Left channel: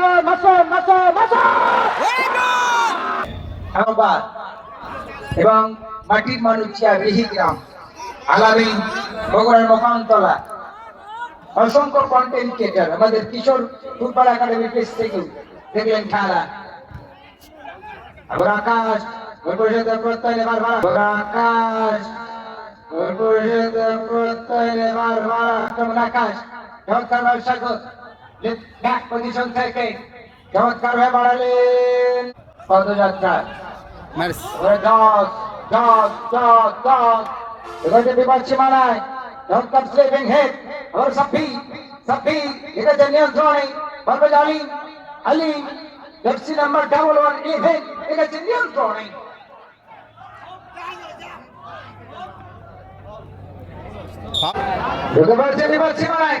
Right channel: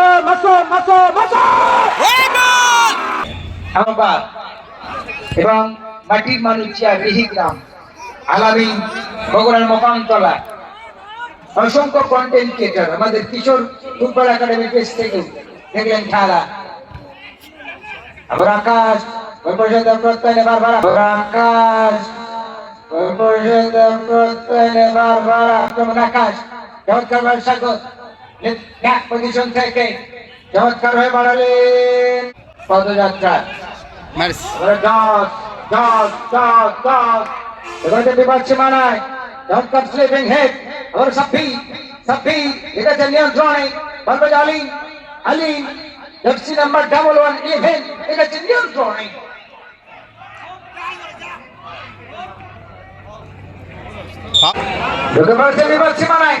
মাসুম মাসুম মাসুম মাসুম! আহ্বাদ এবং মাটির মানুষিয়া রিহি গ্রাম আলামিন বগুড়ার মকানতলা অসংখ্য কন্টেন্ট ক্রিয়েটর আমাদের কিশোর ফুটবল একাডেমি পেজ থেকে দেখলেন খেলা। আবার আকাশ ওই পরিষদ প্রত্যয় নেবার ভাড়া আবার আকাশ ওই পরিষদ প্রত্যয় নেবার ভাড়া আকাশ চমৎকার স্বাগত ব্যাক পজিশন থেকে। চমৎকার হয়ে বাড়ালেন। পদযাত্রা। দশ দশ দশ দশ এবারে বিপদ সীমানায় চমৎকার স্লিপিং হেড ওর সাফি সাফি আছে নিয়ন্ত্রণে Parvez Ali Ali FC number double one event ঠিক আছে নিয়ন্ত্রণে ঢুকে পড়ছে বিপদ সীমানায়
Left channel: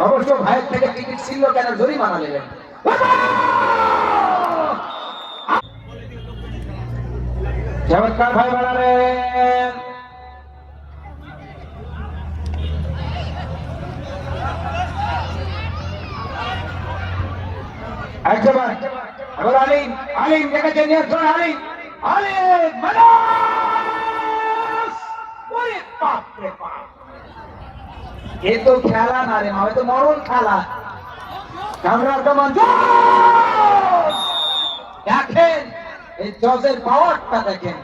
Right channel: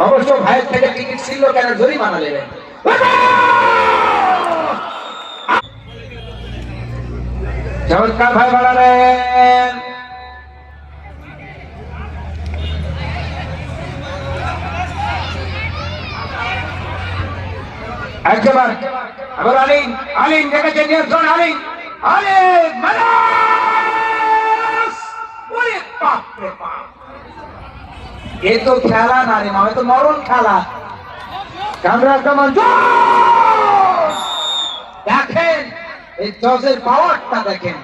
অবশ্য ভাইয়ের থেকে টিকিট ছিল কেন? জরিমানা নেবেন। চমৎকার ভাই বাড়ালেন একবার। আবার আলিন আলিন দেখেছেন নিয়ন্ত্রণ আলিন আলিন মানাস রে এ তো খেলা না রে মা তো মরণ খেলা। কামরার কামান জোর! দেখেন, এই জজের পাওয়ারটা দেখেন।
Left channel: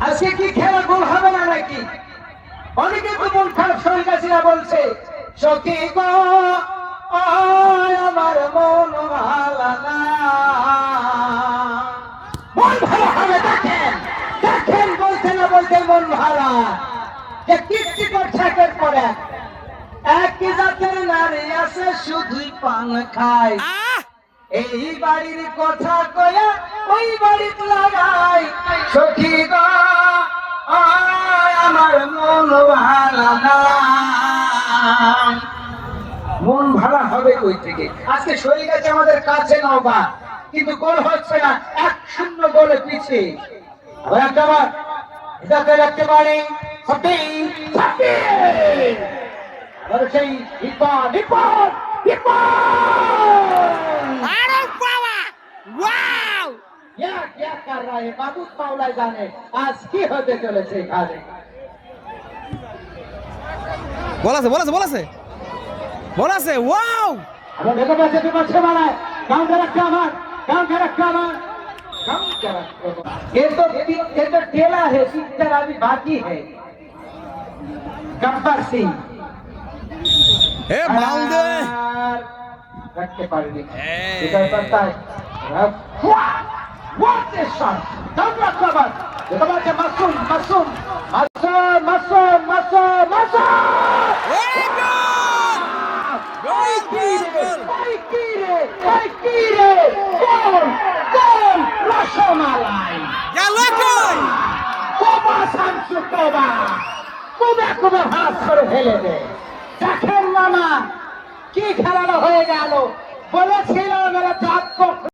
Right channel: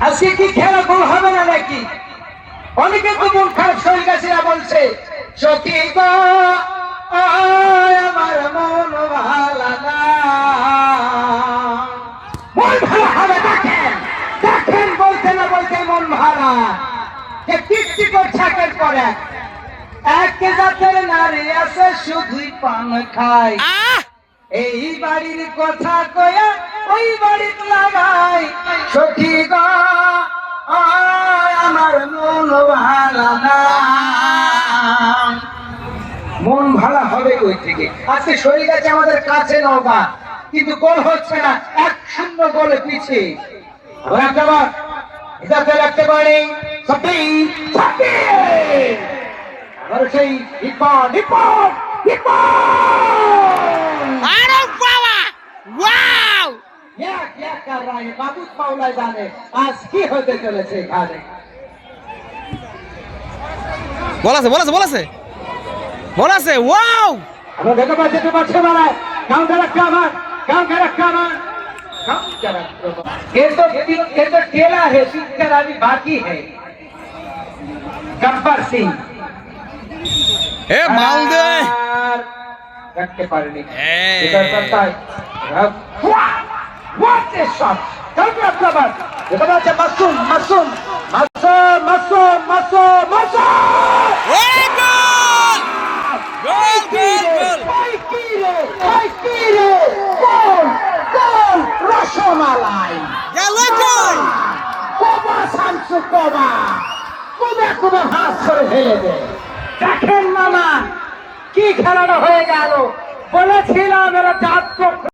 আজকে কি খেলা গোল হবে না নাকি? অনেকে তো মন খারাপ শরীর কাছে বলছে সখী বলতে মন ভালা যে কীর্তি করছে একের পর। এক জাতের নারী আছে শুধুই পান খায়। এই বাড়ির কথা কয়া ওই বাড়ির লাগাই সখী গো আমার মন ভালা না। মন ভালো হবে কই থেকে? আজকে শরীর আছে আমাদের কাছে নবা কিন্তু গোল হচ্ছে না এক শূন্য গোলে পিছিয়ে ইজাতে রাখতে পারে সত্যিই সত্যি আর সেই ইকবাল ইকবাল ইকবাল আরে বাবা ওয়াও ইয়া কি কর রहा है বাবু পাওলা জানে আজ কি হতে চলেছে এখানে বল আছে বল আছে ওয়াও আমরা দেখা পাচ্ছি পাচ্ছে মানে কাউন্টার রাখা আমার কাউন্টার রাখা আমার हम क्या ये तो ये तो केला है सीख कर अभी बाकी है गब्बर सिंह हे माल दे रखते पालनी इधर करता रख व्हाट इज शॉट कर दिया गब्बर देखो मसूम मसूम मसूम मसूम হাত করে ফেলে দেয় দেখেন মামা কি খেলাটা হয়ে গেল। বলেছিলাম এরা জাত